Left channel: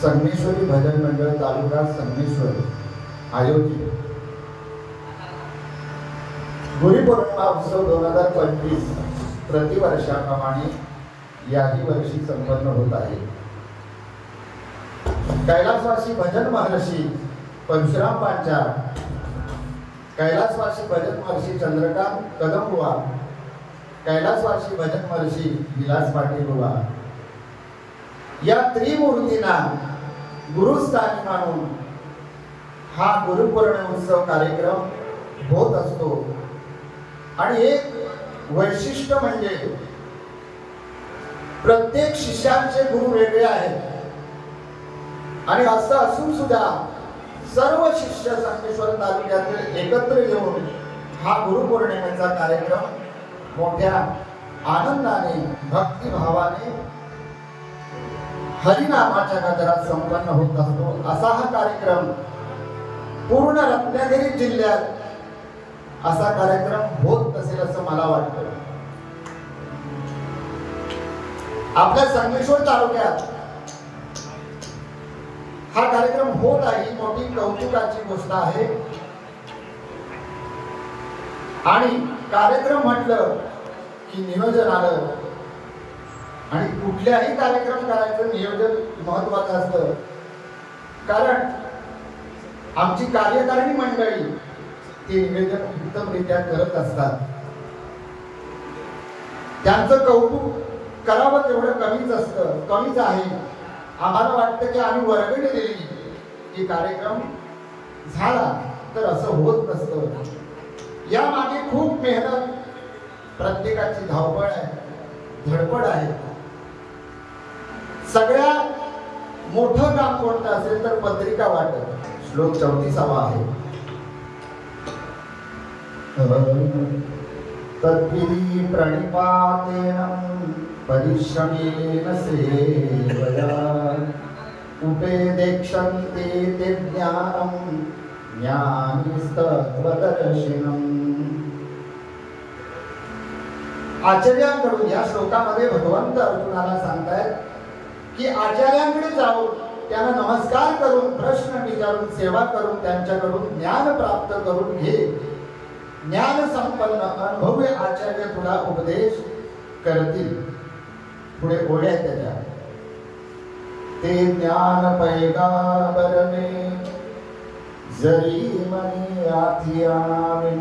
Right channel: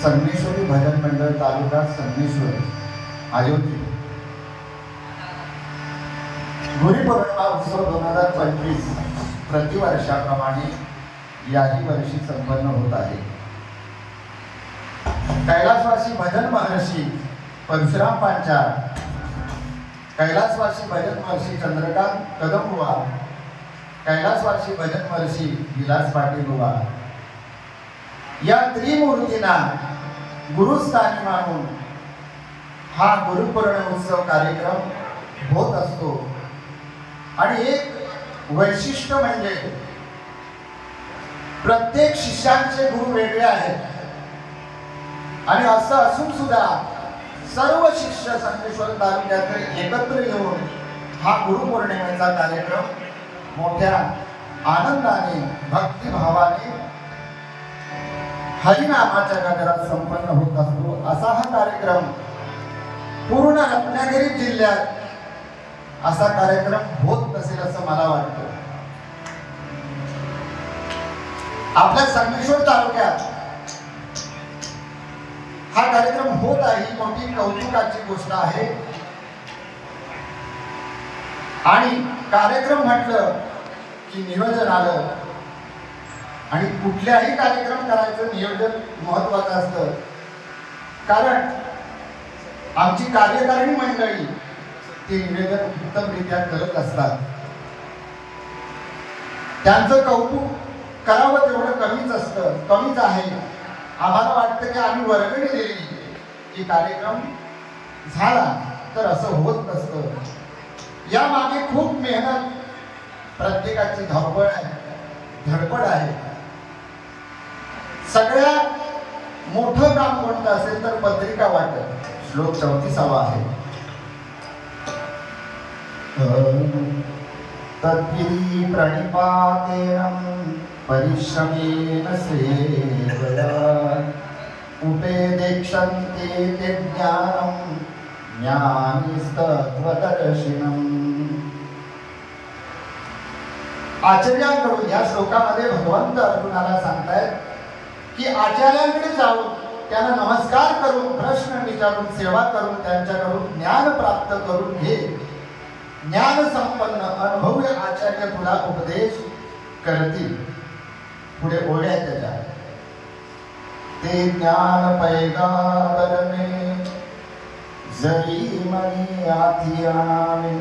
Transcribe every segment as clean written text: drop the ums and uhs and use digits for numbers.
संगमेश्वरी भजन मंडळ तालुका संगमेश्वर आयोजित गुरुपौर्णिमा उत्सव 2025 प्रतिवर्षाप्रमाणे याही वर्षी संपन्न होत आहे। कैलासवासी भजन महर्षी परशुराम पांचाळ, कैलासवासी भजन महर्षी चंद्रकांत कदमबुवा, कैलासवासी भजन महर्षी विलास पाटील बुवा या त्रिमूर्तींना गुरुस्थानी मानून हा गुरुपौर्णिमा उत्सव कार्यक्रम होत असतो। आणि एक वैशिष्ट्य म्हणजे प्रत्येक शिष्यांचे गुरु वेगळे आहेत आणि असं असून सुद्धा सर्व शिष्य संगमेश्वर तालुक्यात एकत्र येऊन हा गुरुपौर्णिमेचा कार्यक्रम मोठ्या आनंदाने भक्तिभावाने हरिनामाच्या गजरात संपन्न होत असतो। असा हा कार्यक्रम पूर्ण रत्नागिरी जिल्ह्यात असा कार्यक्रम होत नसेल असं मला वाटतं। आपल्या संगमेश्वर तालुक्यात हा कार्यक्रम होत आहे ही मोठी कौतुकाची गोष्ट आहे। आणि कार्यक्रम म्हटलं की नियोजन आलं आणि कुठल्याही कार्यक्रम करायचं नियोजन महत्त्वाचं असतं। कारण आमची कार्यकारिणी मंडळी ते निवेदन उत्तमरित्या करत असतात। त्यांचं कौतुक करावं तेवढं कमीच असतं, कमीच आहे। आम्हाला वाटतं की आम्ही वर्गणी दिली की कार्यक्रम झाला, तर असं होत नसतं। या मागे खूप मेहनत, प्रत्येकाची धावपळ आहे, धडपड आहे। सगळ्यात मोठं काम कोणतं असेल तर पत्रिका वाटप। श्लोक 34 आहे। तद्विधि प्रणिपातेन परिश्रमेण सेवया उपेदेक्षन्ते ते ज्ञानं ज्ञानिस्तत्त्वदर्शिनम्। आचार्यांकडून या श्लोकामध्ये भगवंत अर्जुनाला सांगतायत की आचार्यांकडे जाऊन त्यांना नमस्कार करून प्रश्न विचारून सेवा करून त्यांच्याकडून ज्ञान प्राप्त करून घे। ज्ञान संपन्न अनुभवी आचार्य तुला उपदेश करतील। पुढे ओळ्या त्याच्या ते ज्ञान पैगाबर में जरी मनी आती आणावे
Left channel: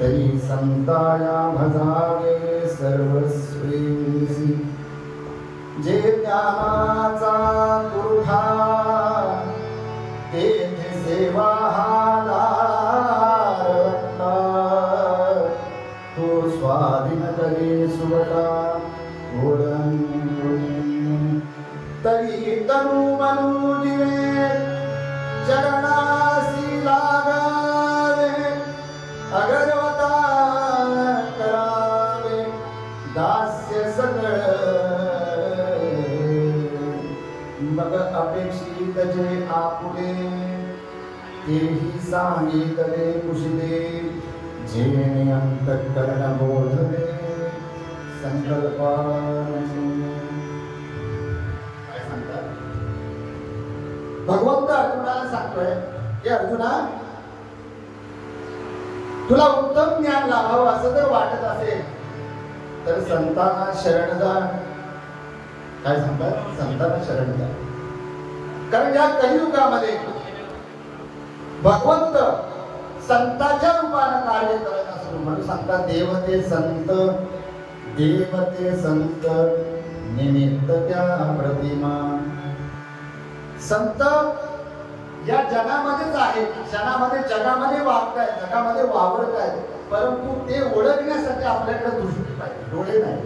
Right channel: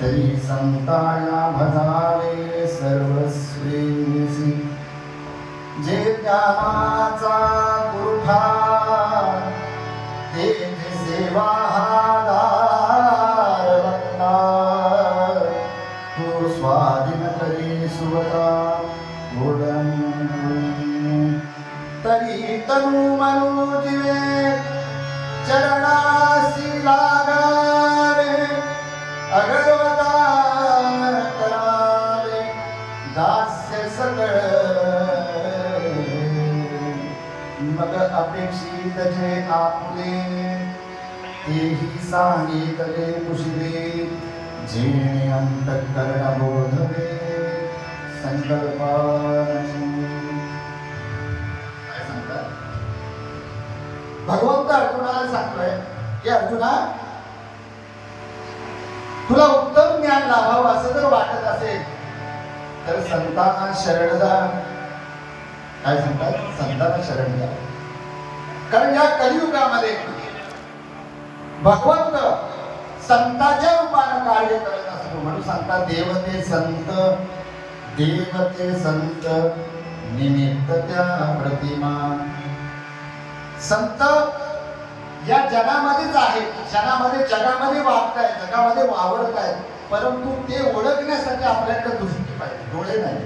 तरी संताया भजावे सर्वस्वेसी। जे ज्ञानाचा गुरुठा ते सेवा तो स्वाधीन करे सुवता तरी तनु मनु दिवे चरणासी लागावे अगरवता करावे दास्य सगळ मग अपेक्षित जे आपुले तेही सांगितले कुशले जेणे अंतःकरण बोधवे संकल्पाने। भगवंत अर्जुनाला सांगतोय की अर्जुना तुला उत्तम ज्ञान लाभावं असं जर वाटत असेल तर संतांना शरण जा। काय सांगतात? संतांना शरण जा। कारण या कलियुगामध्ये भगवंत संतांच्या रूपाने कार्य करत असतो। म्हणून सांगतात देवते संत देवते संत निमित्त त्या प्रतिमा। संत या जगामध्येच आहेत, जगामध्ये वागतायत, जगामध्ये वावरतायत, परंतु ते ओळखण्यासाठी आपल्याकडे दृष्टी पाहिजे, डोळे नाही।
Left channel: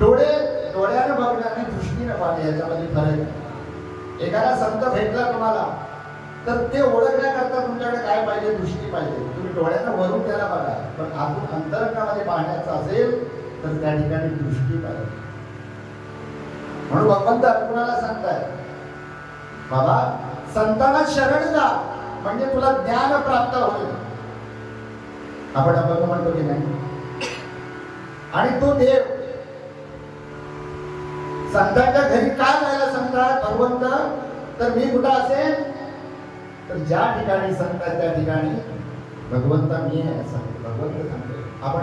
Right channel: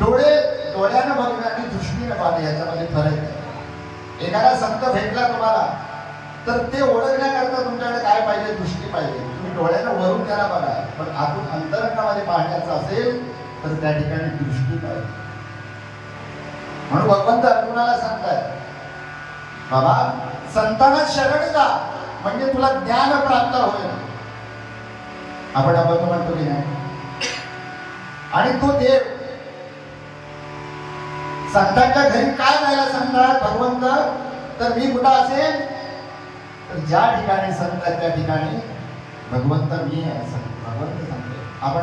डोळ्यानं बघणे आणि दृष्टीनं पाहणे याच्यामध्ये फरक आहे। एखादा संत भेटला तुम्हाला तर ते ओळखण्याकरता तुमच्याकडे काय पाहिजे? दृष्टी पाहिजे. तुम्ही डोळ्यानं वरून त्याला बघा, पण आतून अंतरंगामध्ये पाहण्याचं असेल तर त्या ठिकाणी दृष्टी पाहिजे. म्हणून भगवंत अर्जुनाला सांगताय, बाबा संतांना शरण जा म्हणजे तुला ज्ञान प्राप्त होईल. आपण म्हणतो की नाही? आणि तो देव संतांच्या घरी काय जायला सांगतात भगवंत? तर मी कुठं असेल तर ज्या ठिकाणी संत आहे त्या ठिकाणी भगवंत मी असं भगवंत सांगतो. आपण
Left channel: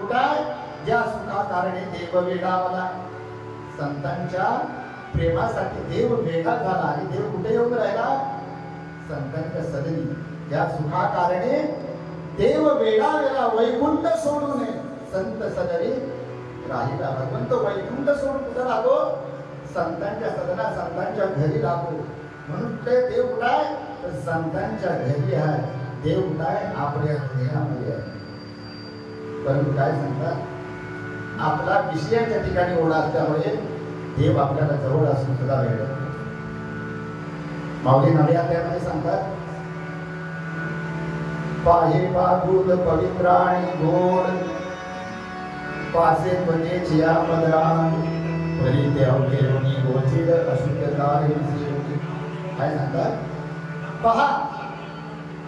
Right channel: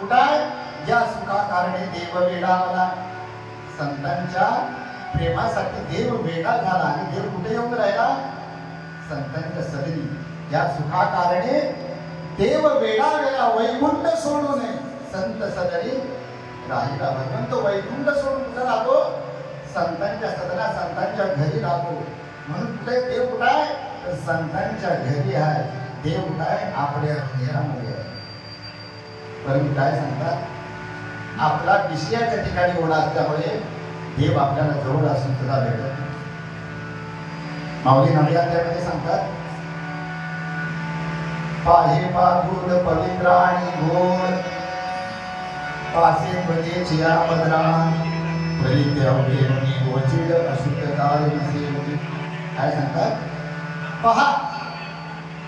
बघा ज्या सुखा कारणे देव वेदावला, संतांच्या प्रेमासाठी देव वेगळा झाला. आणि देव कुठे येऊन राहिला? संतांच्या सदरी. या सुखा कारणे देव वेगळा वेगळा वैकुंठ सोडून संत सदरी राहिला. भगवंत वैकुंठ सोडून कुठे राहतो? संतांच्या सदरा, संतांच्या घरी राहतो. म्हणून ते देव कुठे आहे? तर संतांच्या घरी आहे. देव कुठे आहे? आपल्या हृदयामध्ये आहे. परंतु काय सांगतात? आपला विषयाच्या ठिकाणी ओढा असल्यामुळे देव आपल्याला जवळ असून सुद्धा भेटत. माऊली नव्याध्यामध्ये सांगतात, पाहे पागुड पवित्र आणि गोड, पासे ध्वजेची आमदरान, परिते अवघे रुणी गोचिड अशुद्धताय विसेवली. काय सांगतात? पहा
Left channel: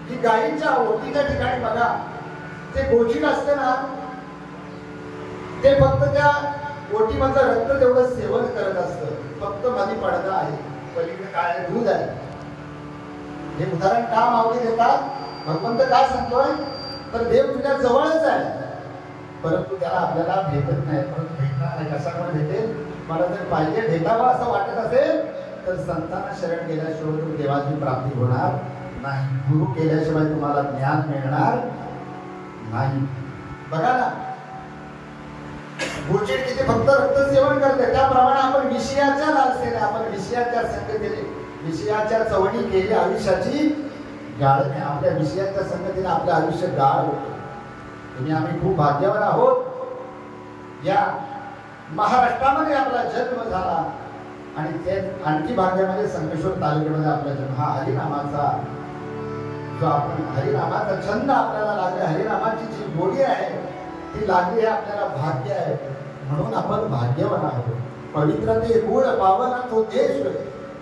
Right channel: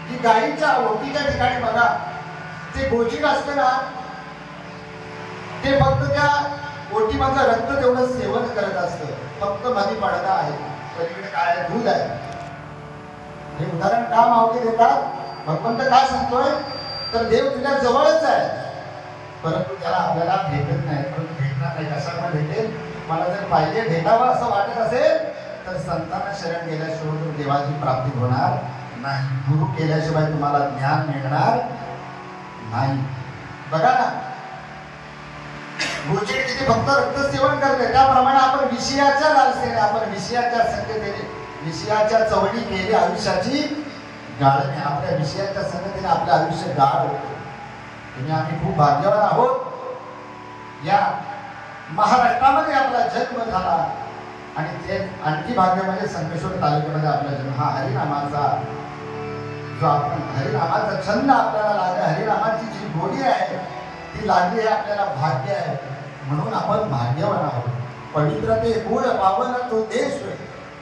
की गायीच्या ओटीच्या ठिकाणी बघा, ते गोचिड असतं ना, ते फक्त त्या ओटीमधलं रक्त तेवढं सेवन करत असतं. फक्त मध्ये पडदा आहे, पलीकडे काय आहे? दूध आहे. हे उदाहरण का माऊली देतात? भगवंत काय सांगतोय? तर देव तुझ्या जवळच आहे, परंतु त्याला आपल्याला भेटत नाही. परंतु भेटणार नाही. कशाला भेटेल? मला जर पाहिजे भेटावं असं वाटत असेल तर संतांना शरण गेल्याशिवाय देवाची प्राप्ती होणार नाही. गुरु केल्याशिवाय तुम्हाला ज्ञान मिळणार नाही. बघा ना, गोचिड किती फक्त रक्त सेवन करते, त्याप्रमाणे आपण विषयाच्या लालसेने, आपण विषयाच्या संगतीने, विषयाच्या चवणी केली आयुष्याची गाळणे. आपल्या विषयाच्या संगतीने आपलं आयुष्य गाळ होतं. आणि आम्ही खूप भाग्यवान आहोत. या महाराष्ट्रामध्ये आपला जन्म झाला. आणि ते आणखी भाग्य म्हणजे संगमेश्वर तालुक्यामध्ये आपला जन्म. हा हरिनामाचा जो आपण हरिनामाचा छंद आपल्याला लागला, हरिनामाची जी गोडी आहे ती लागली, हे आपल्याला भाग्य आहे. म्हणून आपण भाग्यवान आहोत. पवित्र ते गुळ पावन तो देश होय,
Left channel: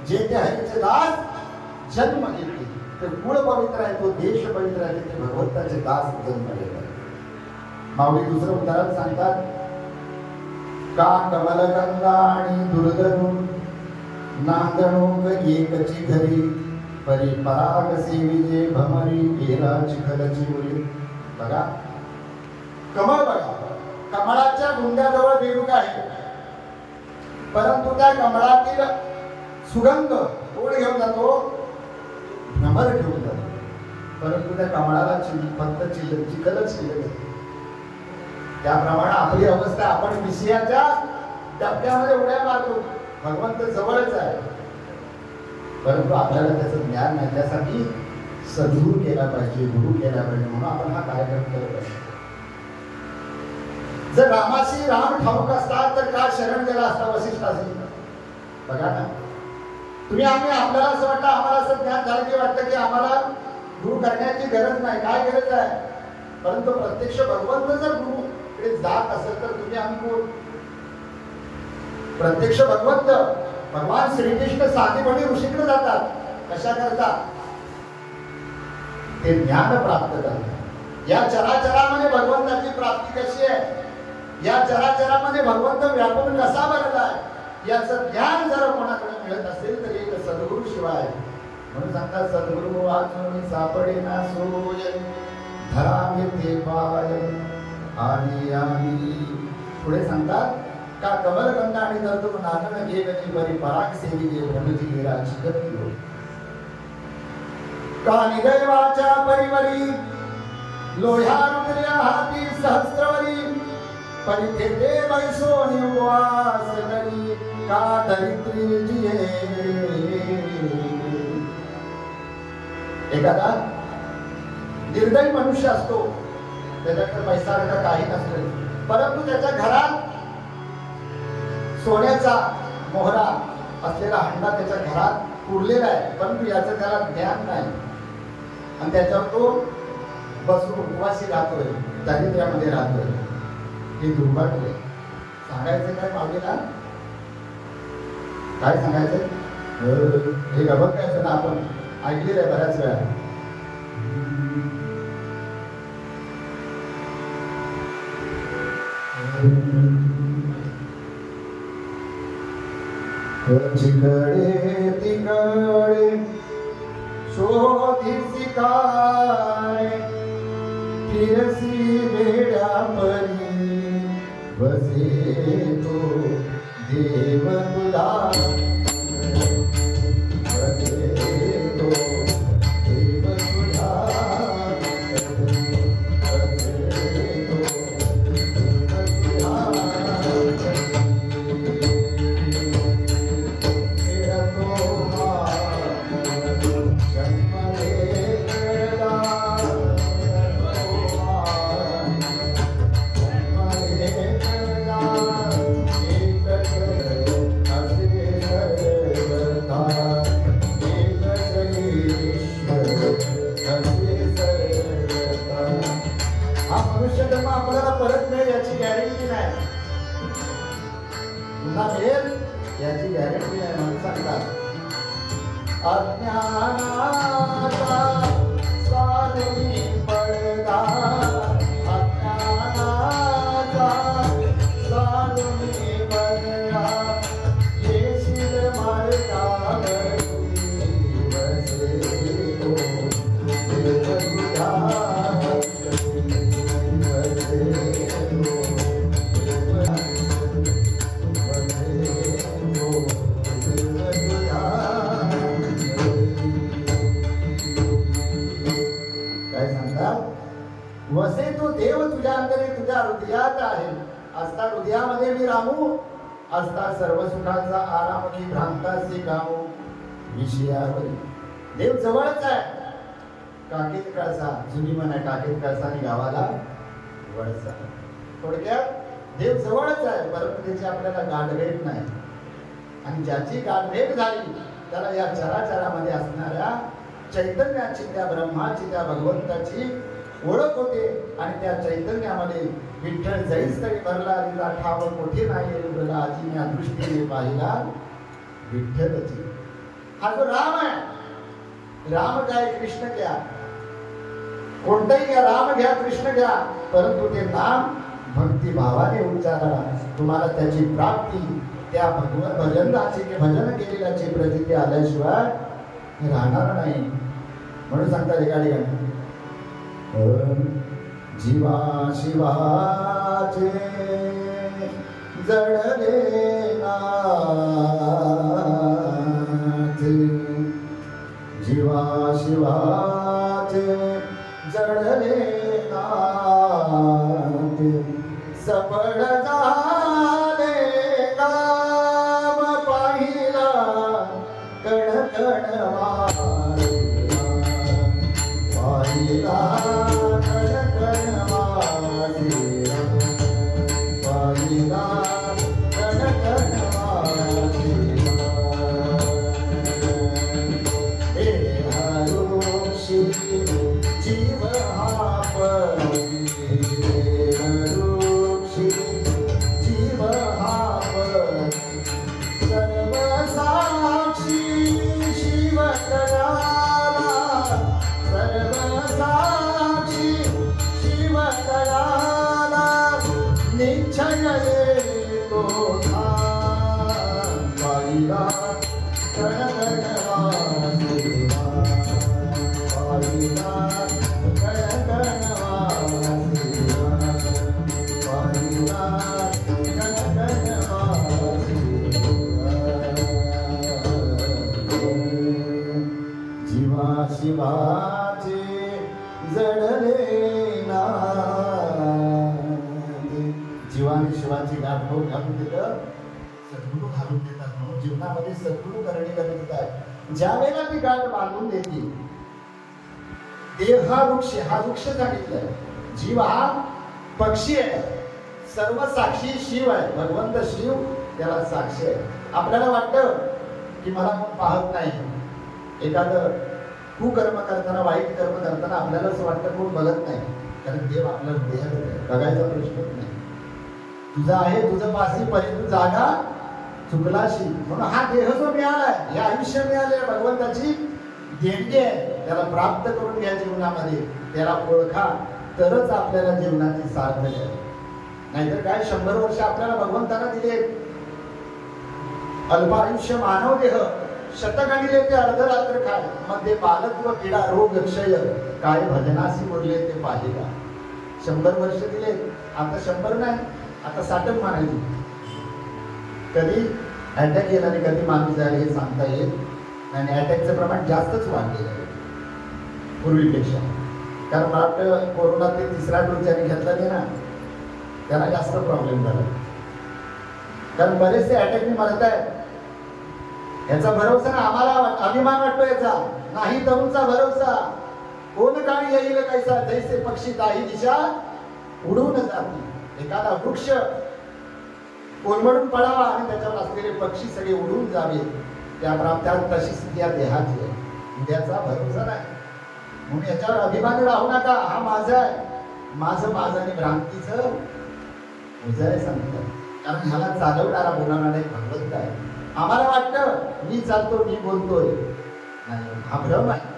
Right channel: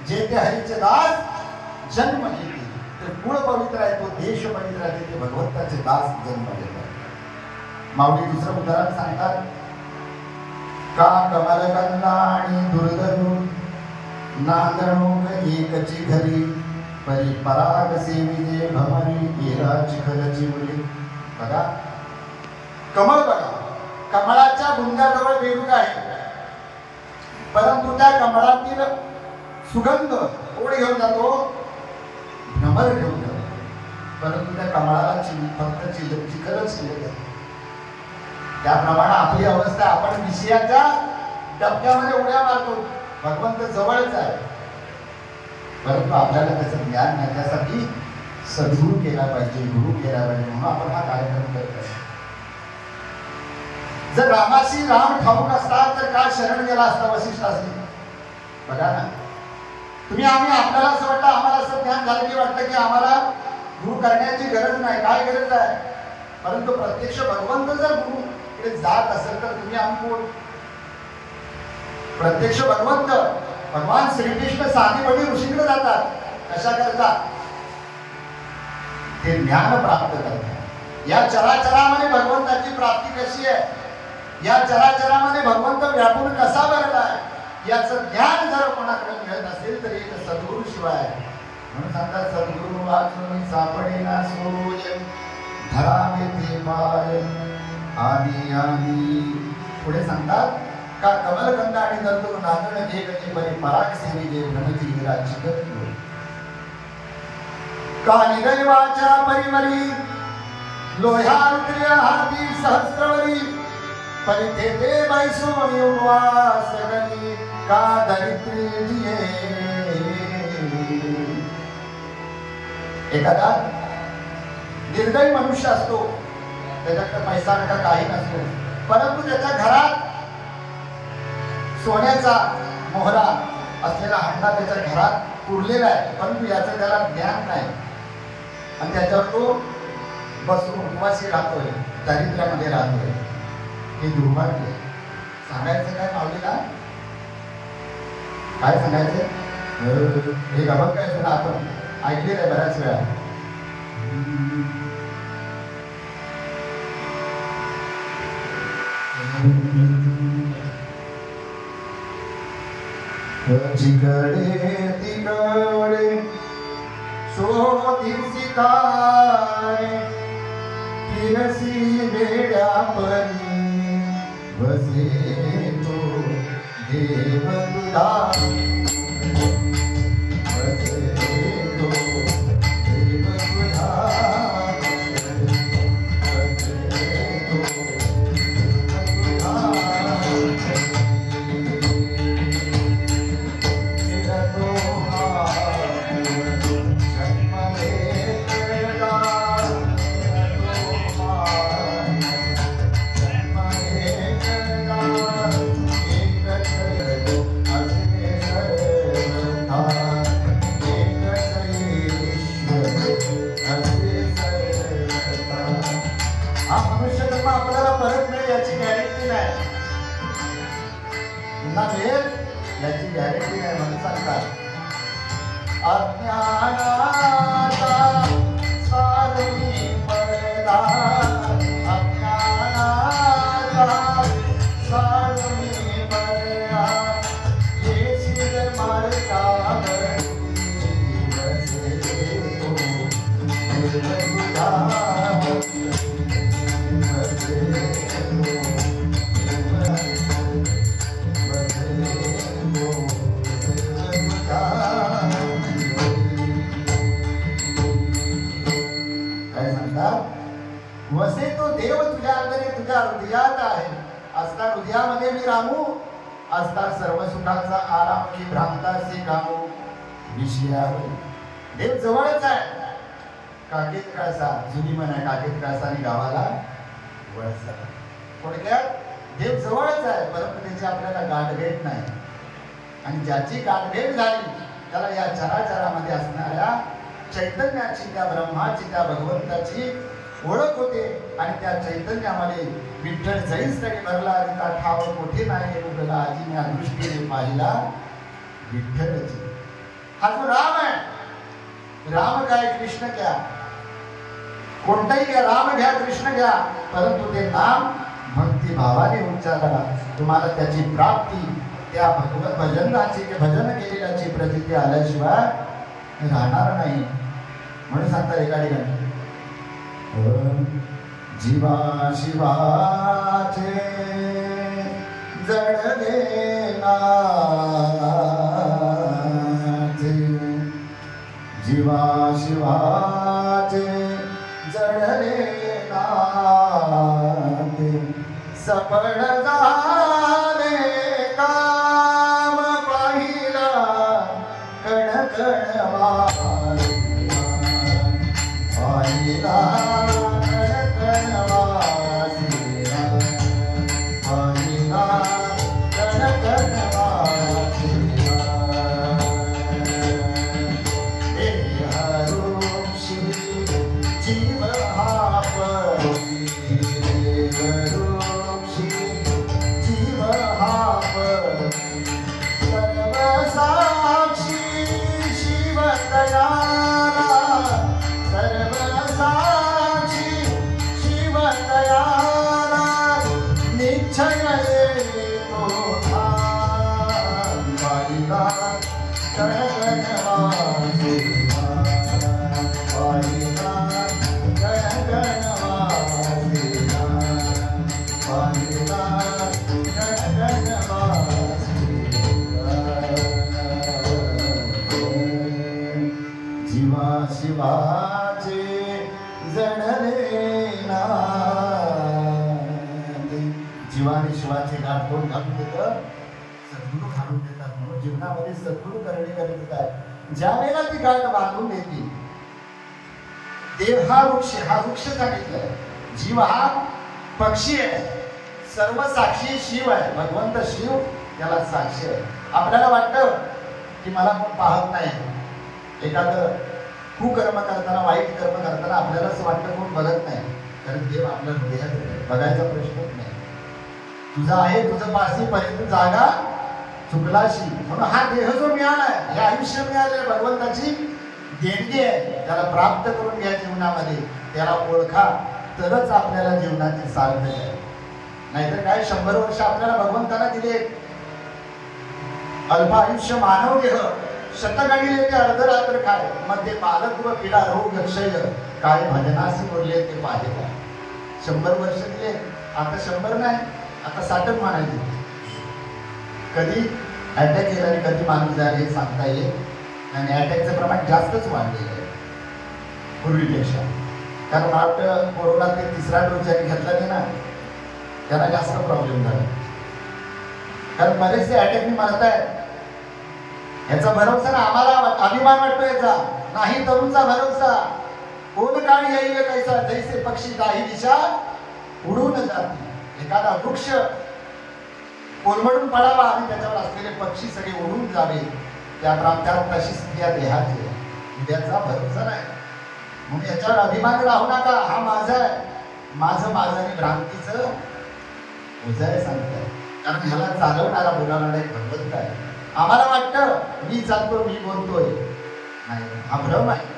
जे ते हरीचे दास जन्म घेते. ते गुळ पवित्र आहे, तो देश पवित्र आहे, ते भगवंताचे दास जन्म घेतात. माऊली दुसरं उदाहरण सांगतात, का कमलकंदा आणि दुर्धरू नांदणू एकची घरी, परी पराग सेविले भमरी गेरा चिखलची मुली. बघा कमळ, बघा कमळाच्या बुंद्याजवळ बेडूक आहे, परंतु त्या कमळातील सुगंध कोण घेऊन जातो? भ्रमर घेऊन जातो. परंतु त्या कमळाला फक्त चिखलच केलं जातं. त्याप्रमाणे आपली अवस्था, आपण विषयाच्या डबक्यामध्ये उड्या मारतो. भगवंत जवळच आहे, परंतु आपल्याला त्याचं ज्ञान घेण्यासाठी सद्गुरू केला पाहिजे, गुरु केला पाहिजे. म्हणून आपण हा कार्यक्रम करत आहे. जर रामाशी राम ठाऊक असतात तर काय शरण गेला असता वसिष्ठाशी? बघा ना, तुम्ही आपल्याला असं वाटतं, आम्हाला असं ज्ञान झालं की वाटतं की आम्हाला गुरु करण्याची गरज नाही. काय गरज आहे? परंतु प्रत्यक्ष भगवंत जर गुरुकडे जात असेल तर तुम्ही आम्ही कोण? प्रत्यक्ष भगवंत भगवान श्रीकृष्ण साधीपणी ऋषीकडे जातात. कशा करता? ते ज्ञान प्राप्त करतात. या चराचरामध्ये भगवंताची प्राप्ती कशी आहे? या चराचरामध्ये भगवंत व्यापून कसा भरला आहे याचं ज्ञान जर कोणाकडे मिळत असेल तर एक सद्गुरू शिवाय म्हणून सांगतात सद्गुरु वाचून सापडेना सोय धरावे ते पाय आधी आधी. पुढे सांगतात का कमलगंगा आणि दर्दूर नाचण घे गली बरी पराग सेवी जे भ्रमती गिराची गती. का निदैवाच्या परिमरी लोह्या रुद्र्या हाती सहस्त्रवरी परिथे ते मैसोनी उपवास करी का दरिद्री जिये. एखादा निर्दयी मनुष्य असतो, त्याच्याकडे पैसा का काही नसतो, परंतु त्याच्या घरात सोन्याचा मोहरा असलेला हंडा त्याच्या घरात उरलेला आहे, परंतु याचं त्याला ज्ञान नाही आणि त्याच्यावर तो बसून उपवासी राहतोय, दारिद्र्यामध्ये राहतोय. हे दुर्भाग्य. सांगायचं काय माऊलीला? काय सांगायचं? हे गबक काय ना आपण ऐकलेलं आहे बऱ्याच वेळा. जिकडे तिकडे शोधिसी काय फिरसी बेड्या परी बसे तो देव तुझा. याची गॅरंटी नाही म्हणून सांगतात. अज्ञानाचा साधुनी पडदा, अज्ञानाचा साधुनी पडदा, येशील मार्गावरी बसे तो देव तुझा. वसे तो देव तुझ्या अंतरी तुझ्या हृदयात आहे. असता हृदयामध्ये मी रामू, असता सर्व सुखाचा आराम की भ्रांताचे कामू विषयावर. देव जवळच आहे. काकेत कळसा, जुनी म्हणा काकेत कळसा आणि गावाला वळसा. थोडक्यात देव जवळच आहे, परंतु त्याची आपल्याला गाठभेट नाही. आणि ज्याची गाठभेट झाली त्याला या चराचरामध्ये असणाऱ्या चैतन्याची, त्या ब्रह्माची, त्या भगवंताची ओळख होते. आणि त्या चैतन्यामध्ये विठ्ठल जैस तरी भरला रिता ठाव कोठे नाही उगला आजी मी दृष्टीने पाहिला विठ्ठलची. हा जो राम आहे, राम काय कृष्ण घ्या, कोणताही घ्या, राम घ्या कृष्ण घ्या, परंतु ते नाम भक्ती भावाने उच्चारा तुम्हाला त्याची प्राप्ती, त्या भगवत भजनाची भजन केलेल्याची प्रचिती आल्याशिवाय राहणार नाही. म्हणून सांगतात एका ठिकाणी जीवा शिवाचे जडले नाचे, जीवा शिवाचे जडले नाचे, सफळ झाले काम पाहिला कण कण पाहिला जीव जीवा आणि शिवाची गाठ कोण घालून देतं? सद्गुरू घालून देतात. म्हणून जीवनामध्ये सद्गुरू करणे गरजेचं आहे. ज्या वेळेला ती गाठ बांधून देते, देव हा वृक्ष सांगितलाय. जीव हा पक्षी आहे, सर्व साक्षी शिव आहे. भगवंत शिव त्याला साक्षी आहे. आपल्याला वाटतं की मला कोण पाहत नाही. एखादं कुकर्म करताना, वाईट कर्म करताना आपल्याला असं वाटतं कोण बघत नाही, कारण देव आपल्या हृदयात बघायचा प्रश्नच नाही. तुझा आहे तुझं पासी पर्यंत जागा चुकलाशी. म्हणून हा देह जो मिळालाय, हे आयुष्य मिळाले भगवंताची देणगी आहे. त्याला प्राप्त करून घ्या जीवनामध्ये, त्याला ओळखा, तरच आपल्याला जीवनाचे सार्थ आहे. नाहीतर काय 100 वर्ष आपल्याला भगवंताला दिले, अल्प आयुष्य मानव देह, शतगणिले ते अर्धरात्र काय, मध्ये बालत्व पीडा रोग क्षय, काय भजनासी मुरले ते पाहिला. 100 वर्ष दिले, आता 100 नाही, आता 60 मानायचे. कधी अटॅक येईल आणि कधी माणूस जाईल हे सांगता येईल. आणि अटॅकचं प्रमाण जास्तच वाढलेलं आहे पूर्वीपेक्षा. कारण वाटतं कोरोना ते 3रा डोस ज्याने घेतला नाही ना, त्याला जास्त प्रॉब्लेम झाला. कारण बरेचसे अटॅकने मरत आहेत. याचा भरोसा ना, आम्हाला अभिमान वाटतो याचा नाही. तरुणचा भरोसा कोण काळ येईल कैसा, जैसे पक्षी काही दिशा उडून जाते. एखादा वृक्ष कोलमडून पडावा आणि त्याच्यावर असलेले पक्षी सगळे उडून जावे, त्यात तशी स्थिती या देहाची आहे. उद्याचा भरोसा नाही. म्हणून याच्यावर अभिमान राहू नका. हा माझा आहे, माझं आणि भ्रांतीचं उजाय सांगतात. कारण ह्याला चालवणारा बोलणारा एक भगवंत आहे. आम्हाला वाटतं मी चालतो, मी बोलतोय, नाही, हा भ्रम आहे.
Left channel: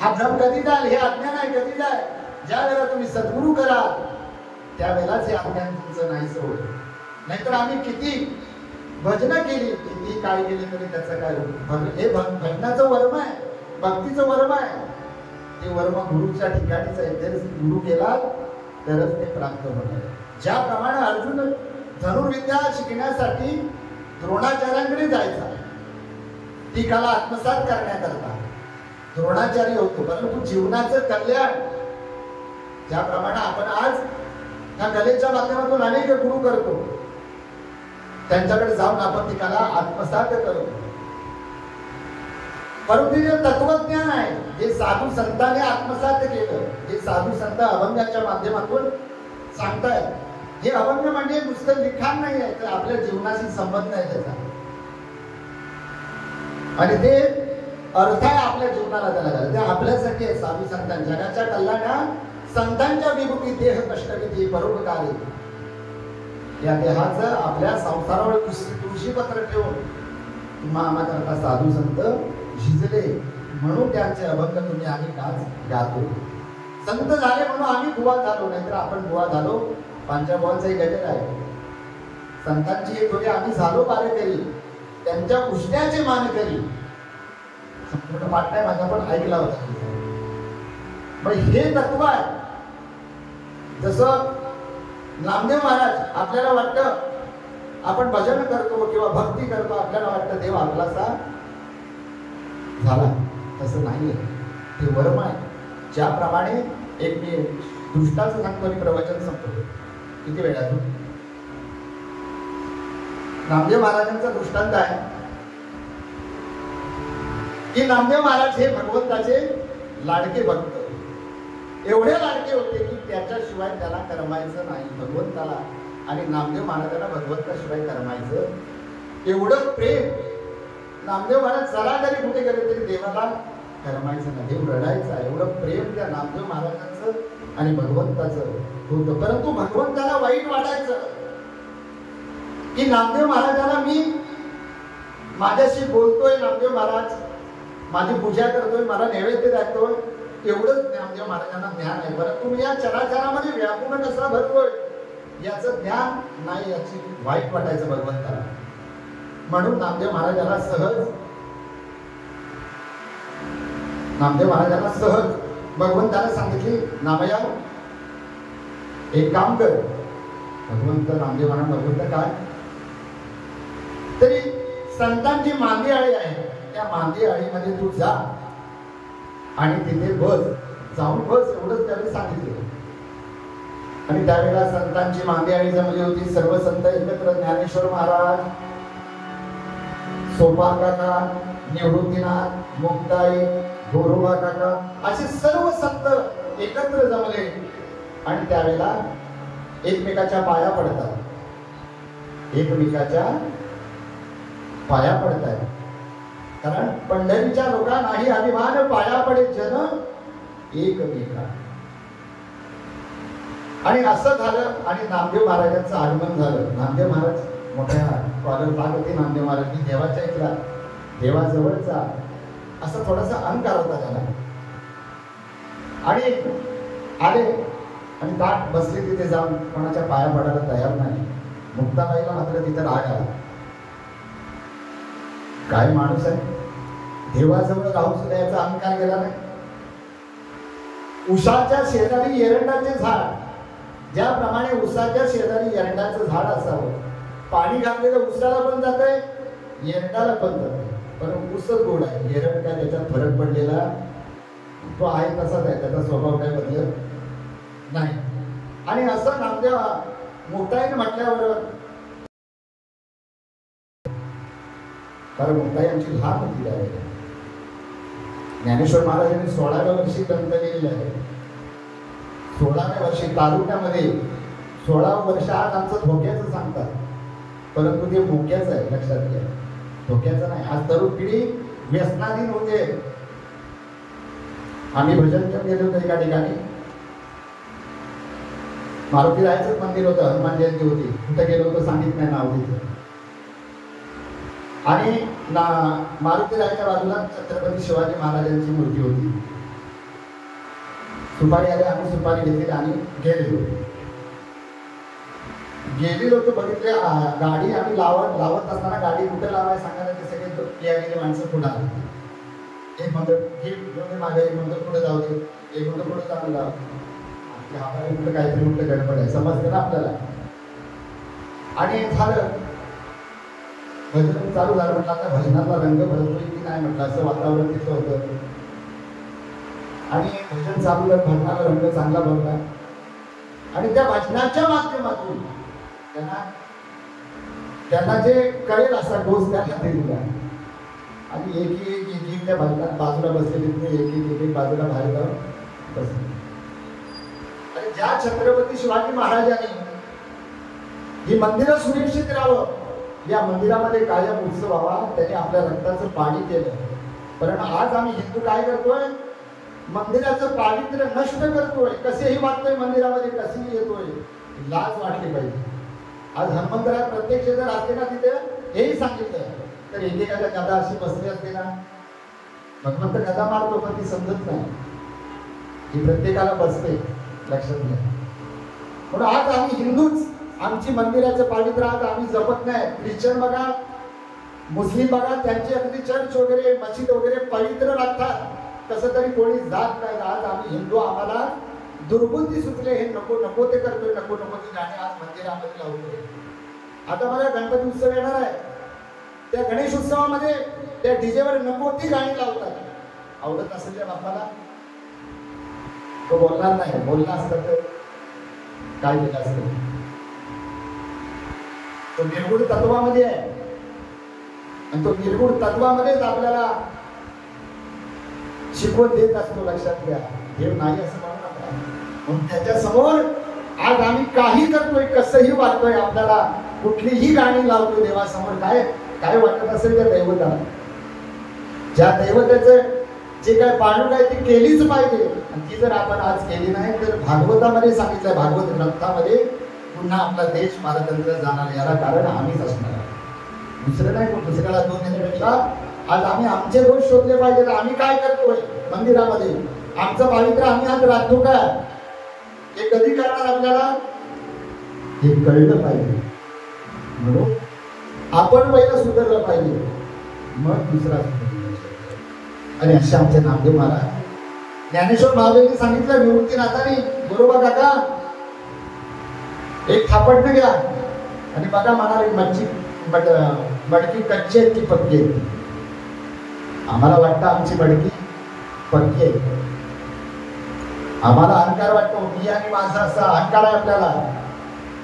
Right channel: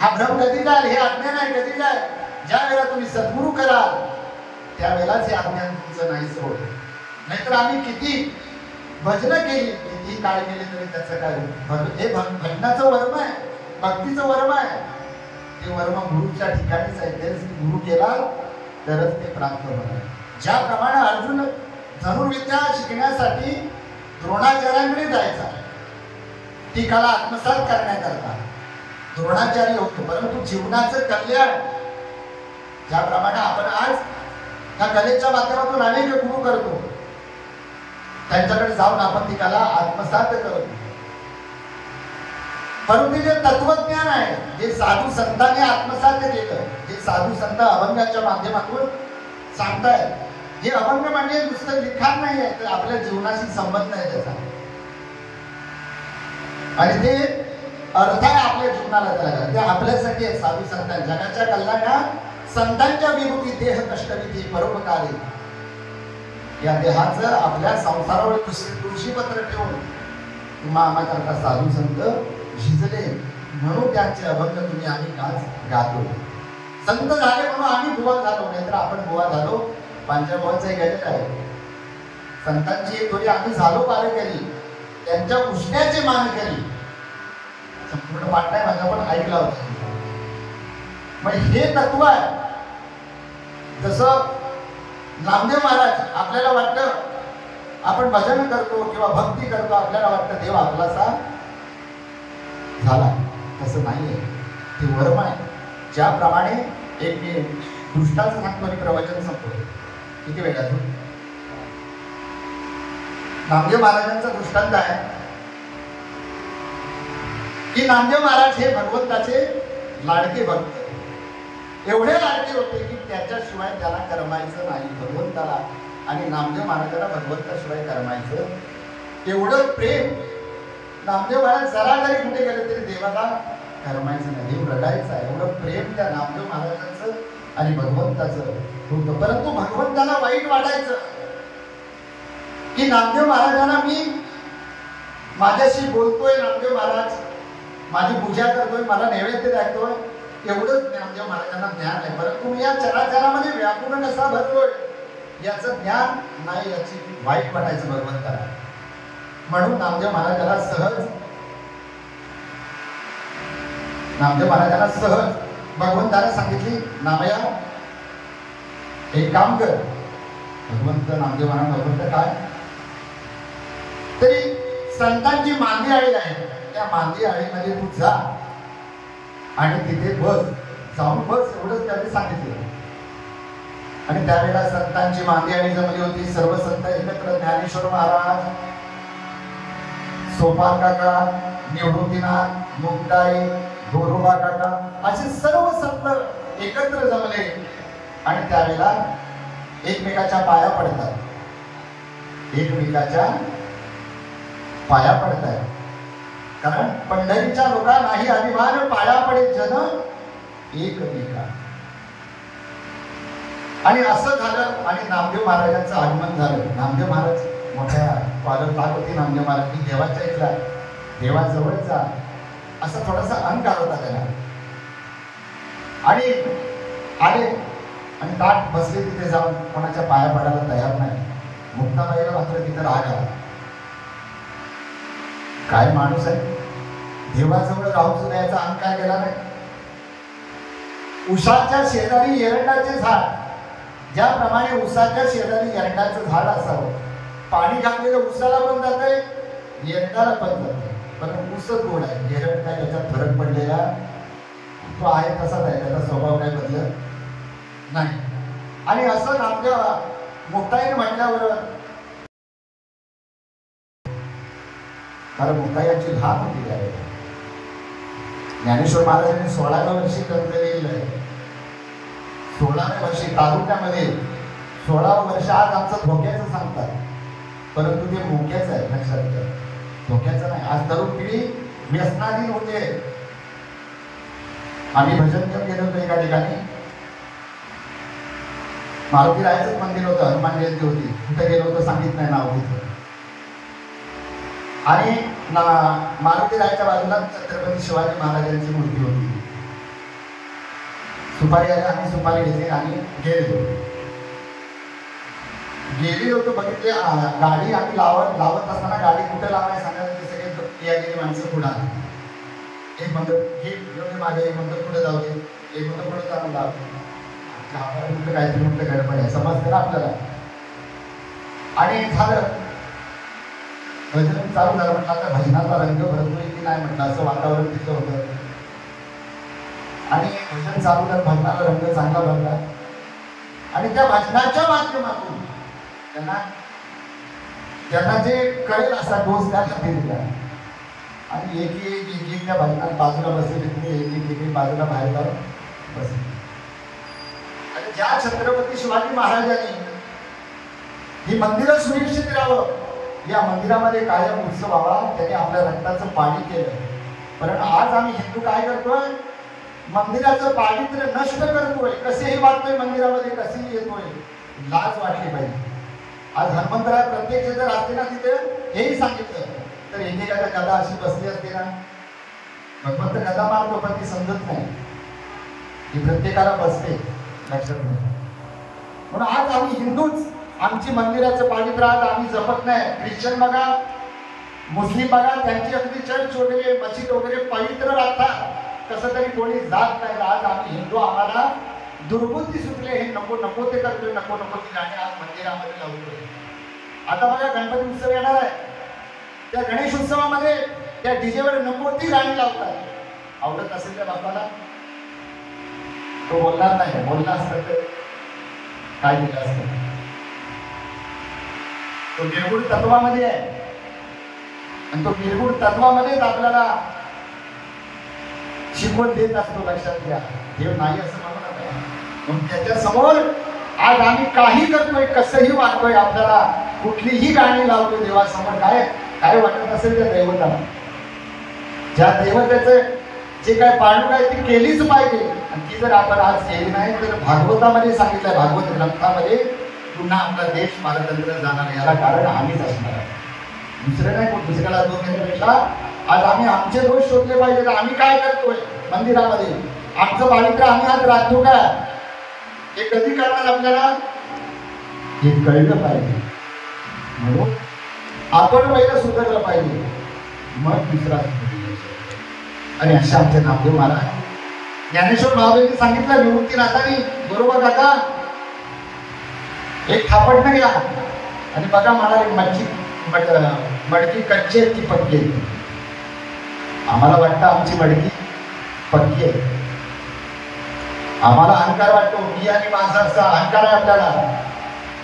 हा भ्रम कधी जाईल, हे अज्ञान आहे. कधी जाईल, ज्या वेळेला तुम्ही सद्गुरू कराल त्यावेळेलाच हे अज्ञान तुमचं नाही सोड. नाहीतर आम्ही किती भजनं केली, किती काळ केली तरी त्याचं काय. हे भजनाचं वर्म आहे, भक्तीचं वर्म आहे. ते वर्म गुरुच्या ठिकाणीच आहे. ते गुरु केला तरच ते प्राप्त होणार. ज्याप्रमाणे अर्जुन धनुर्विद्या शिकण्यासाठी द्रोणाचार्यांकडे जायचा, ती कला आत्मसात करण्याकरता द्रोणाचार्य होतो. परंतु जीवनाचं कल्याण, ज्याप्रमाणे आपण आज ह्या कलेच्या माध्यमातून अनेक गुरु करतो, त्यांच्याकडे जाऊन आपण ती कला आत्मसात करतो. परंतु जे तत्वज्ञान आहे, जे साधू संतांनी आत्मसात केलं, जे साधू संत अभंगाच्या माध्यमातून सांगतायत, हे अभंग म्हणजे नुसतं लिखाण नाही आहे, तर आपल्या जीवनाशी संबंध आहे त्याचा. आणि ते अर्थ आहे आपल्या जीवनाला. त्याला ते आपल्यासाठी आहे. साधू संतांच्या जगाच्या कल्याणात संतांच्या विभूती देह कष्टविधी परोपकारी. या देहाचं आपल्या संसारावर तुळशीपत्र ठेवून आम्हा करता साधू संत झिजले, म्हणून त्यांचे अभंग तुम्ही आम्ही गातो. संत झाले म्हणून आम्ही बुवा झालो, नाहीतर आपण बुवा झालो. पांचाळबावांचं एक गजल आहे, संतांची एक थोडी आम्ही झालो वारकरी, त्यांच्या उष्ण्याचे मान करी. संपूर्ण पाठ नाही माझा, पण ऐकला होता. मग हे तत्व आहे. जसं नामदेव महाराज, आपल्याला वाटतं आपण भजन करतो किंवा भक्ती करतो, आपल्याला वाटतं देव आपलासा झाला. तसं नाहीये, ते वर्म आहे. ज्याप्रमाणे एक मी दृष्टांत सांगतो आणि प्रवचन सांगतो. किती वेळ आहे? नामदेव महाराजांचा दृष्टांत आहे की नामदेव महाराज हे भगवंताचे लाडके भक्त, एवढे लाडके होते की त्याच्याशिवाय त्याला करमायचं नाही भगवंताला. आणि नामदेव महाराजांना भगवंताशिवाय करमायचं एवढं प्रेम. नामदेव महाराज जरा जरी कुठे गेले तरी देवाला करमायचं नाही, देव रडायचा. एवढं प्रेम त्या नामदेव महाराजांचं आणि भगवंताचं होतं. परंतु भगवंताला वाईट वाटायचं की नामदेव महाराजांना मी माझ्याशी बोलतोय, नामदेव महाराज माझी पूजा करतोय, मला नैवेद्य दाखवतोय, एवढंच नामदेव महाराजांना ज्ञान आहे. परंतु मी या चराचरामध्ये व्यापूर्ण कसा भरतोय याचं ज्ञान नाही, याची वाईट वाटायचं भगवंताला. म्हणून नामदेव महाराजांना सहज भगवंताने सांगितली, नामया एक काम कर. भगवंत नामदेव महाराज, भगवंत काय तरी संतांची मांदी आळी आहे, त्या मांदी आळीमध्ये तू जा आणि तिथे बस. जाऊन बस एवढंच त्यांनी सांगितलं. आणि त्यावेळेला संतांची मांदियाळी जमली होती. सर्व संत एकत्र, ज्ञानेश्वर महाराज, सोपान काका, निवृत्तीनाथ, मुक्ताई, गोरोबा काका असे सर्व संत एकत्र जमले आणि त्यावेळेला एकमेकाच्या पाया पडतात. एकमेकाच्या पाया पडतात. कारण पंढरीच्या लोकांनाही अभिमान पाया पडे जन एकमेका. आणि असं झालं आणि नामदेव महाराजांचं आगमन झालं. नामदेव महाराज मोठ्या पालक होती. नामदेव महाराज देवाच्या इथला, देवाजवळचा असा थोडासा अहंकार होता त्याला. आणि आले आणि ताट बसले तिथे जाऊन कोणाच्या पाया पडायला तयार नाही. मुक्ताबाईला मात्र तिथे राग आला. काय माणूस आहे, देवाजवळ राहून सुद्धा याचा अहंकार गेला नाही. उसाच्या शेजारी एरंडाचे झाड, ज्याप्रमाणे उसाच्या शेजारी एरंडाचं झाड असावं, पाणी घातलेलं उसाला पण जात आहे, एरंडाला पण जात आहे. पण ऊसच गोड आहे, एरंड काय त्याच्यात फरक पडलेला तो आहे तसाच आहे, त्याचा स्वभाव काय बदलत नाही. आणि असं नामदेव मुक्ताईने म्हटल्यावर, कारण मुक्ताई आमची लहान होती त्यावेळेला. ज्ञानेश्वर महाराजांनी 16व्या वर्षी ग्रंथ लिहिलेला आहे. 16व्या वर्षी तालुक्यामध्ये 16 वर्ष आज आमचं धोक्याचं सांगतात, परंतु ते धोक्याचं आहे, लक्षात घ्या. धोक्याचं नाही. आज तरुण पिढी व्यसनाधीन होते. आम्ही भजन घेऊन गेलो होतो एका ठिकाणी. मारुती रायाचंच मंदिर होतं, हनुमान जयंती होती. कुठे गेलो होतं सांगित नाही नाव तिथं. आणि मारुती रायाच्या बाजूला छत्रपती शिवाजी महाराजांची मूर्ती होती. सुपारी आली, आम्ही सुपारी घेतली आणि गेलेलो होतो. बघितले गाडी आम्ही लावत असताना गाडी कुठे लावायला सांगायला ते सगळे यायलेली माणसं पुढे आली. एक म्हणतात हे मागे, एक म्हणतात पुढे जाऊ दे, एक म्हणतात पुढे चालू लाव. आपल्याला कुठं काहीतरी कुठं गडबड आहे समजतं ना आपल्याला. आणि झालं भजन चालू झालं. म्हटलं आता भजनाचा रंग भरतोय की नाही म्हटलं, असं वातावरण तिथं होतं. आणि भजन चालू झालं, भजनाला रंग चांगला भरला. आणि त्या भजनाच्या माध्यमातून त्यांना जे कळेल असा डोस त्याला दिला. आणि एक त्या भजनात बाजूला बसलेले एक बाजूला बाहेर जाऊन बसले. आणि ज्या छत्रपती शिवाजी महाराजांनी ही मंदिरं सुरक्षित राहावं, या मंदिरामध्ये कायम उत्सव व्हावा, त्याने आपल्या रक्ताचं पाणी केलं. पण आज आम्ही हिंदू काय करतोय, मंदिराचं पावित्र्य नष्ट करतोय. कसेही वाटतोय मंदिरामध्ये, कसेही येतोय, लाज वाटली पाहिजे. आज हनुमंतराय प्रत्यक्ष जर असते ना तिथे हेही सांगितलं तर एकेकाच्या गदा अशी बसली असते ना. भगवंत गदा मारतो पण ती समजत नाही, ही प्रत्येकाला बसते, लक्षात घ्या. म्हणून आज आम्ही हिंदूच आमची मंदिराचं पावित्र्य आज आम्ही जपत नाही. ख्रिश्चन बघा, मुस्लिम बघा, त्यांची अगदी चर्च वगैरे मस्जिद वगैरे पवित्र राहतात, कसं तरी कोणी जात नाही. आज आम्ही हिंदू, आम्हाला दुर्बुद्धी सुचले, हे नको नको ते करतोय, नको नको ती गाणी आज मंदिरामध्ये लावतोय. आता बघा गणपती उत्सव येणार आहे, त्या गणेश उत्सवामध्ये त्या डीजेवर नको ती गाणी लावतात. आवडत असेल त्या बापाला तो बोलणार नाही, बोलला असतं तर काय केलं असतं. तो निर्गुण तत्वामध्ये आहे आणि तो निर्गुण तत्वामध्येच आपल्याला शिकवण देत असतो, लक्षात घ्या. देव नाही असं म्हणू नका. म्हणून त्याच्या समोर आज आम्ही काही करतोय, कसंही वाटतोय, आपल्याला कुठलीही गाणी लावतोय देवासमोर, काय काय वाटत असेल त्या देवताला, ज्या देवतेचं जे काय पाळणूक आहे ती केलीच पाहिजे. आणि ती जर आपण आज केली नाही तर भागवतामध्ये सांगितलंय, भागवत ग्रंथामध्ये, पुन्हा आपला देश पारतंत्र्य जाणार. याला कारण आम्हीच असणार आहे, दुसरे नाही. दुसऱ्याला दोष देण्यापेक्षा आज आम्ही आमचे दोष शोधले पाहिजे. आम्ही काय करतोय मंदिरामध्ये, आमचं पावित्र्य आम्ही आज राखतो का, हे कधी करणार आपल्याला हे कळलं पाहिजे. म्हणून आपण पहिलं सुधारलं पाहिजे, मग दुसरा. आणि अशा आमचे नामदेव महाराज, ज्ञानेश्वर महादेवनी सांगितलं निवृत्तीनाथांनी, बरोबर काका, एक थापटणं घ्या आणि बघा म्हणाले मडकी कच्ची आहे की पक्की आहे. आम्हाला वाटतं आमची मडकी पक्की आहे, आम्हाला अहंकार वाटतो, मी आणि माझा असा अहंकार आहे आपल्याला.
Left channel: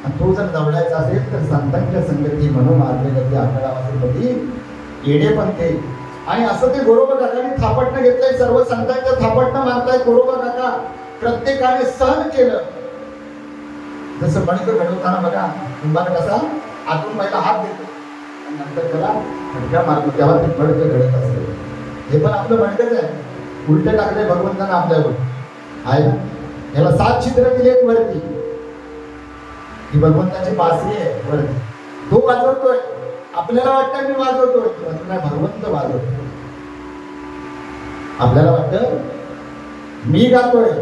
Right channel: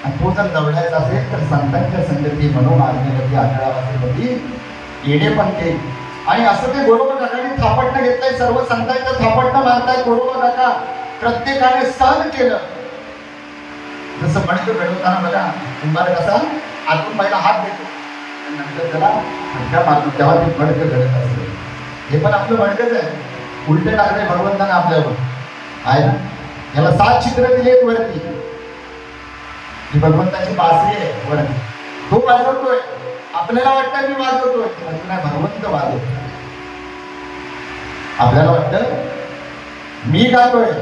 आणि तो जर जवळायचा असेल तर संतांच्या संगती मनोमार्गगती आढळावासी येणे पण ते. आणि असं ते गोरोबा काकांनी थापटणं घेतलंय, सर्व संतांचं थापटणं मानताय गोरोबा काका प्रत्येकाने सहन केलं. जसं मणकं घडवताना बघा, उभार कसा आतून पहिला हात देतो नंतर त्याला मणका मारतो, तेव्हा ते मणकं घडत असते. हे पण आपलं मणकच आहे, उलटे टाकले भगवंतानं आपल्यावर आहे ना. याला 7 छिद्र दिलेत वरती, ही भगवंताची बासरी आहे वरती, तो वाजवतोय. आपल्याला वाटतं मी वाजवतोय, नाही भगवंत वाजवतोय. आपल्याला वाटतं मी गातोय.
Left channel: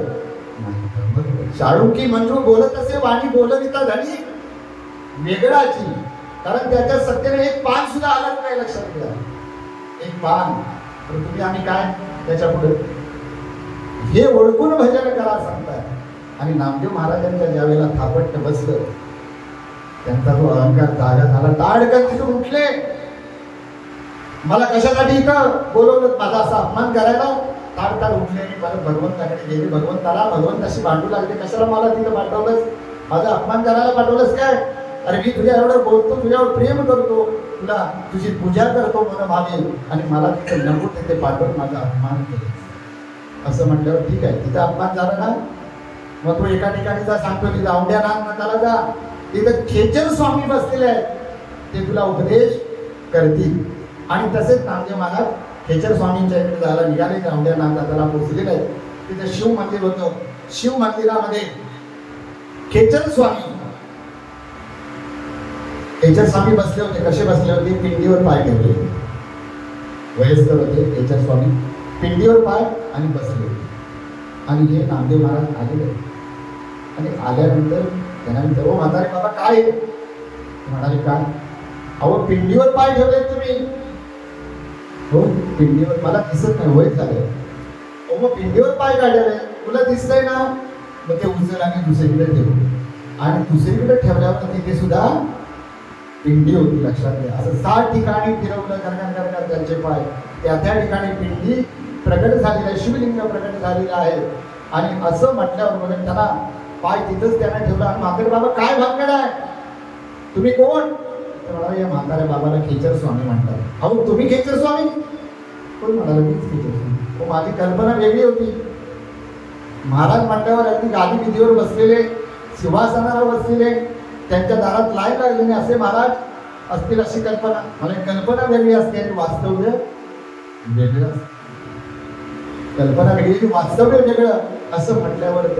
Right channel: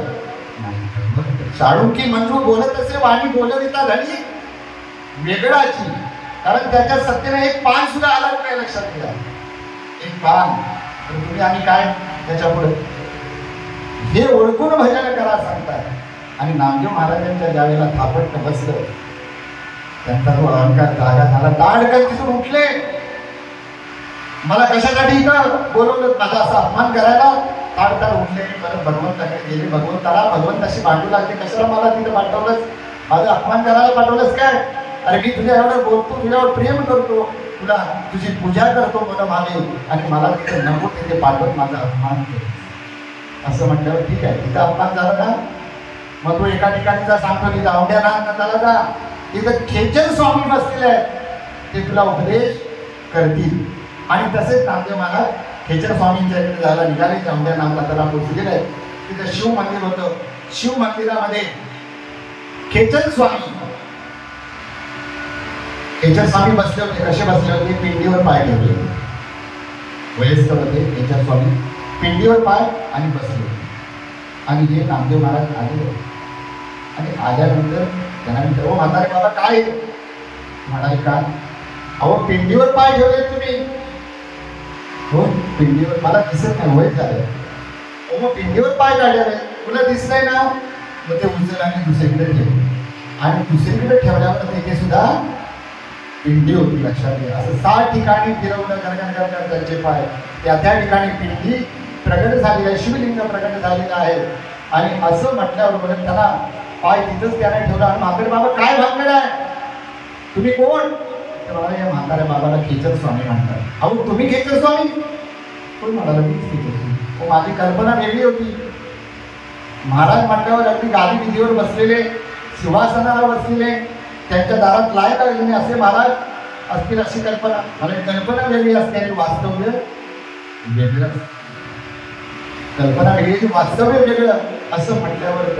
शाळुंकी मंजू बोलत असे वाणी बोलविता झाली वेगळाची. कारण त्याच्या सत्तेने एक पान सुद्धा आलं नाही, लक्षात घ्या. एक पान तर तुम्ही आणि काय त्याच्या पुढे हे ओळखून भजन करा सांगतात. आणि नामदेव महाराजांच्या ज्यावेळेला थापट बसलं, त्यांचा तो अहंकार जागा झाला. दाडकन तिथून उठले, मला कशासाठी इथं बोलवलं, माझा असा अपमान करायला. ताडताड उठले, भगवंताकडे गेले. भगवंताशी भांडू लागले, कशाला मला तिथं पाठवलंस, माझा अपमान करायला पाठवलंस काय? अरे मी तुझ्या एवढं बोलतो, तुझ्यावर प्रेम करतो, तुला तुझी पूजा करतो मला मागे, आणि मला तिथे नको तिथे पाठवून माझा अपमान केला. असं म्हटल्यावर ठीक आहे, तिथं अपमान झाला ना, मग तो एका ठिकाणी जा, सांगतो तिथं औंढ्या नाथाला जा, तिथं खेचर स्वामी बसलेले आहेत, ते तुला उपदेश करतील. आणि तसेच नामदेव महाराज खेचर स्वामींच्या इकडे जायला निघाले, औंढ्या नाथाला पोचलेले. तिथे शिव मंदिर होतं, शिव मंदिरामध्ये खेचर स्वामी बसले होते. कसे बसले होते? पिंडीवर पाय ठेवले होते. वयस्कर होते खेचर स्वामी, पिंडीवर पाय आणि बसले. आणि हे नामदेव महाराज आले. आणि आल्यानंतर त्यांना विचारलं, म्हातारे बाबा काय? म्हणाले काय? अहो पिंडीवर पाय ठेवले तुम्ही. हो पिंडीवर, मला दिसत नाही, वय झालं. हो मग पिंडीवर पाय काढले, तुला दिसतंय ना? मग ते उचल आणि दुसरीकडे ठेवले. आणि दुसरीकडे ठेवल्यावर तिथे सुद्धा पिंडी होती, लक्षात घ्या. असं 7 ठिकाणी फिरवलं करण्याकरता त्यांचे पाय. त्या ठिकाणी पिंडी प्रगट झालेली आहे, शिवलिंग प्रगट झालेला आहे. आणि असं म्हटल्याबरोबर त्यांना पाय तिथंच त्याने ठेवला. आणि म्हातारे बाबा काय भानगड आहे, तुम्ही कोण? मला या म्हाताऱ्या बाबाला खेचर स्वामी म्हणतात. अहो तुम्ही खेचर स्वामी? कोण म्हणाला? मीच खेचर स्वामी. माझी कल्पना वेगळी होती. महाराज म्हटल्यावर अगदी गादी विधीवर बसलेले, सिंहासनावर बसलेले, त्यांच्या दारात लाय लागले असे महाराज असतील अशी कल्पना. मला कल्पना वेगळी असते आणि वास्तव्य वेगळं. कल्पना वेगळी, वास्तव्य वेगळं. असं म्हटल्यावर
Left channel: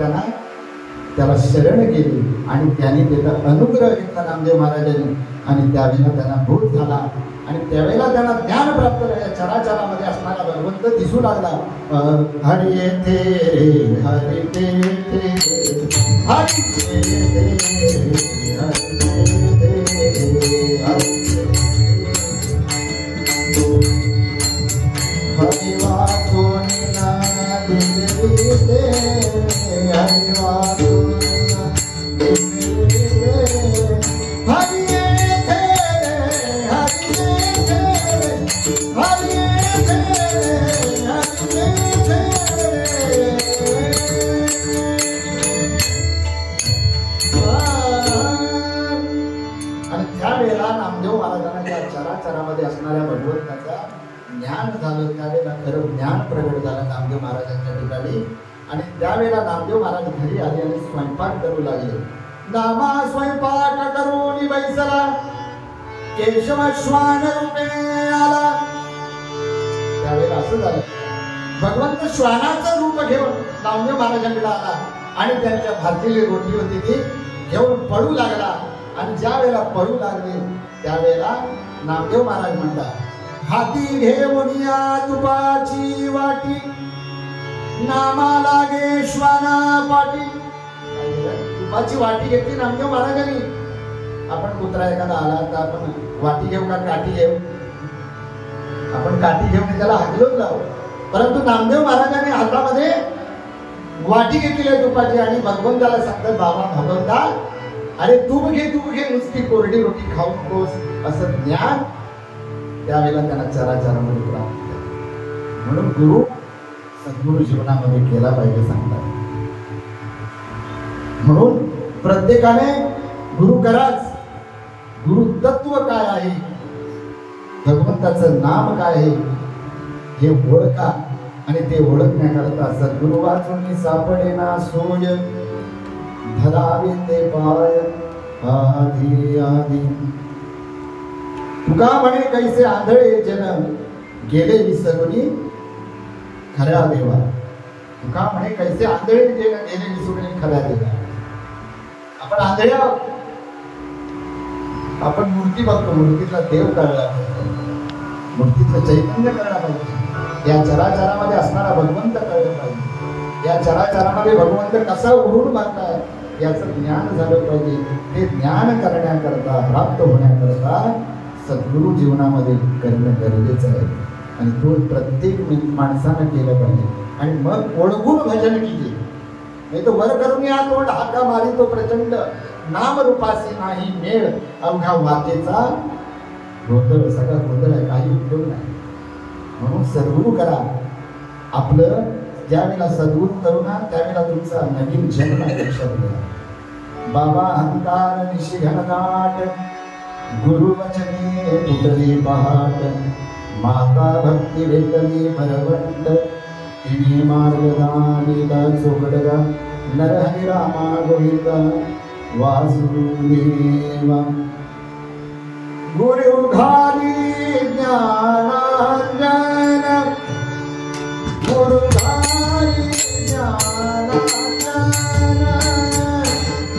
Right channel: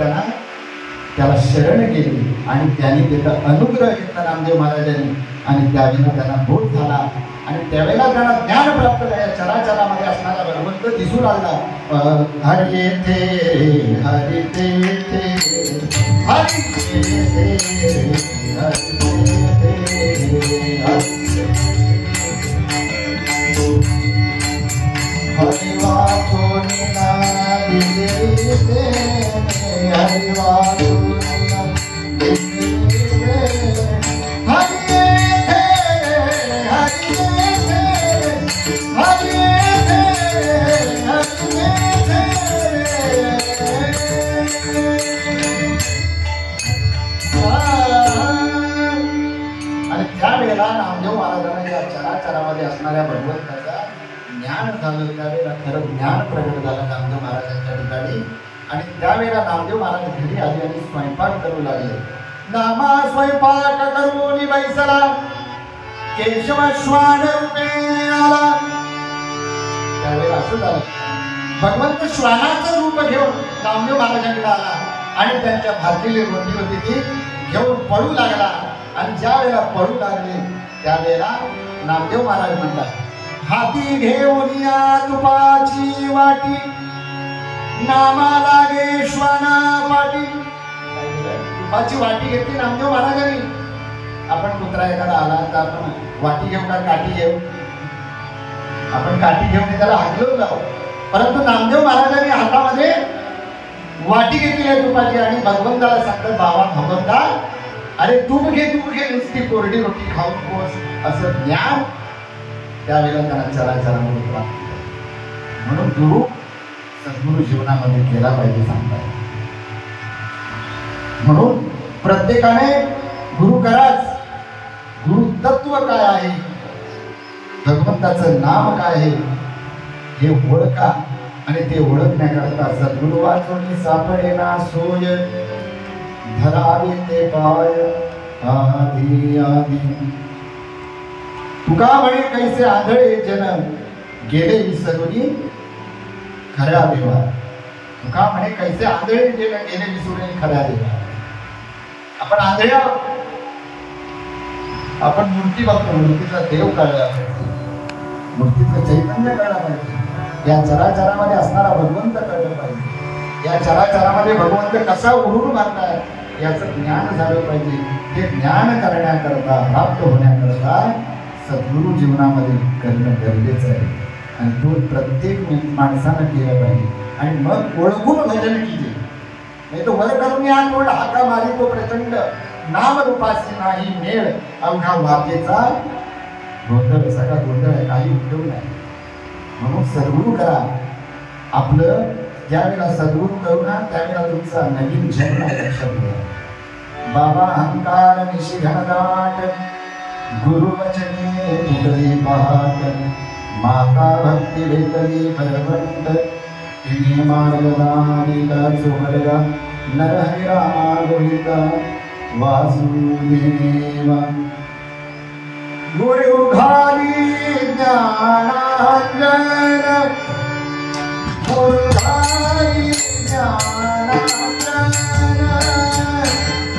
त्याला शरण गेली आणि त्यांनी त्याचा अनुग्रह घेतला नामदेव महाराजांनी. आणि त्यावेळेला त्यांना बोध झाला. आणि त्यावेळेला त्यांना ज्ञान प्राप्त झालं. या चराचरामध्ये असणारा भगवंत दिसू लागला. हरी येथे हरी येथे हरी हरी वाचून चराचरामध्ये असणाऱ्या भगवंताचा ज्ञान झालं. त्यावेळेला खरं ज्ञान प्रगट झालं नामदेव महाराजांच्या ठिकाणी. आणि त्यावेळेला नामदेव महाराज घरी आले आणि स्वयंपाक करू लागले. नामा स्वयंपाक करून बैसला, केशव श्वान रूपे आला. त्यावेळेला असं झालं, भगवंत श्वानाचं रूप घेऊन नामदेव महाराजांकडे आला. आणि त्यांच्या भाजलेली रोटी होती ती घेऊन पळू लागला. आणि ज्या वेळेला पळू लागले त्यावेळेला नामदेव महाराज म्हणतात, हाती घेऊन या तुपाची वाटी, नामा लागे श्वाना पाटी. तुपाची वाटी घेतली नामदेव महाराजांनी. आपण कुत्रा एखादा आला तर आपण वाटी घेऊ का काठी घेऊ? आपण काठी घेऊन त्याला हाकलून जाऊ. परंतु नामदेव महाराजांनी हातामध्ये वाटी घेतली आहे तुपाची. आणि भगवंताला सांगतात, बाबा भगवंता, अरे तूप घे नुसती कोरडी रोटी खाऊ नकोस. असं ज्ञान त्यावेळेला त्यांना चराचरामध्ये प्राप्त. म्हणून गुरु सद्गुरु जीवनामध्ये केला पाहिजे सांगतात. म्हणून प्रत्येकाने गुरु कराच, गुरु तत्व काय आहे, भगवंताचं नाम काय आहे हे ओळखा आणि ते ओळखण्याकरता सद्गुरु वाचून सापडेना सोय धरावे ते पाय आधी आधी. तुका म्हणे कैसे आंधळे जन गेले विसरून खऱ्या देवा. तुका म्हणे कैसे आंधळे जन गेले विसरून खऱ्या देवा. आपण आंधळे आहोत. आपण मूर्ती बघतो, मूर्तीचा देव कळला पाहिजे, मूर्तीचं चैतन्य कळलं पाहिजे, या चराचरामध्ये असणारा भगवंत कळलं पाहिजे, या चराचरामध्ये भगवंत कसा उरून मारताय याचं ज्ञान झालं पाहिजे. ते ज्ञान करण्याकरता, प्राप्त होण्याकरता सद्गुरु जीवनामध्ये करणं गरजेचं आहे आणि तो प्रत्येक माणसानं केलं पाहिजे. आणि मग ओळखून भजन कीजे, नाही तो वर करून या तोड हाका मारी तो प्रचंड नाम रूपासी नाही मेळ अवघा वाकेचा गोंधळ. सगळा गोंधळ काही उपयोग नाही. म्हणून सद्गुरु करा. आपलं ज्यावेळेला सद्गुरु करू ना त्यावेळेला तुमचा नवीन जन्म लक्षात घ्या. बाबा अहंकार निशी घनदाट गुरु वचने उदरी पहाट माता भक्ती वेतली भगवंत तिने मार्गदानीला चोखडला नरहरी रामा गोविंदा वासुदेवा. गुरु घाली ज्ञानांजन गुरु घाली ज्ञानांजन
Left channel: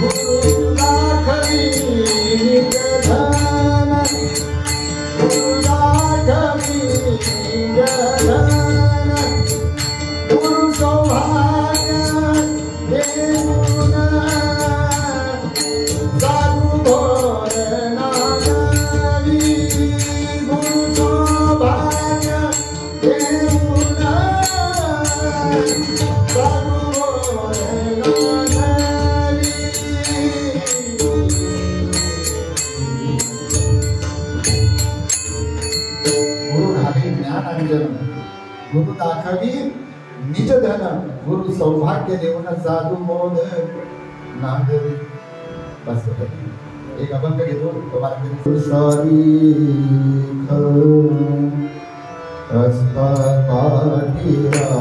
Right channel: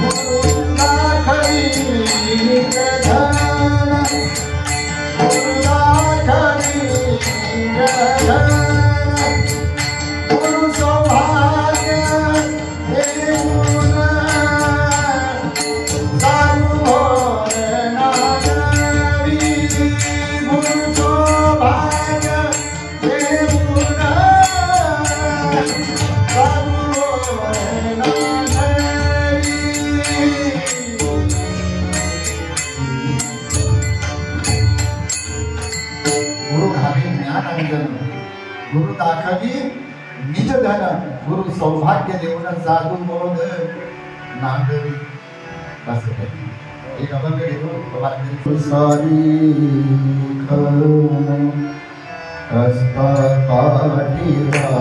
गुरु दाखवी धन गुरु दाखवी धन गुरु सौभाग्य देऊन जाणू भोर नागवी गुरु सौभाग्य देऊन जाणू भोर नागवी. गुरु घावी ज्ञानांजन गुरु दाखवी निज धन गुरु सौभाग्य देऊन साधू मोद नागरी. बस एक अभंग घेतो. सारी हस्ता पाठीला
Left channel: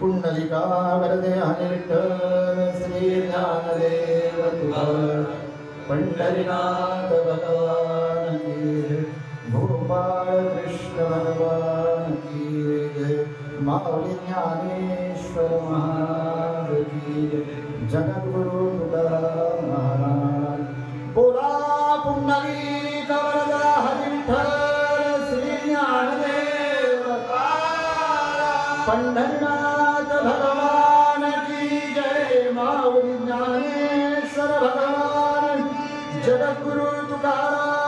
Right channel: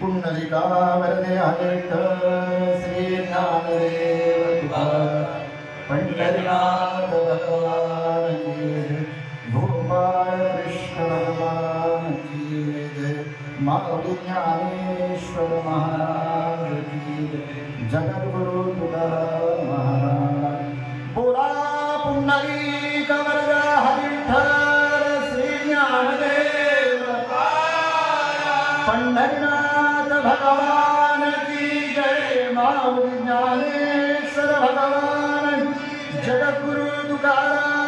पुंडलिका वरदे हरे पंढरीनाथ भगवान की जय, गोपाळ कृष्ण भगवान की जय, माऊली ज्ञानेश्वर महाराज की जय, जगद्गुरु तुकाराम महाराज. बोला पुंडलिक वरदा हरी विठ्ठल श्री ज्ञानदेव पंढरीनाथ भगवान की जय, माऊली ज्ञानेश्वर भगवान, जगद्गुरु तुकाराम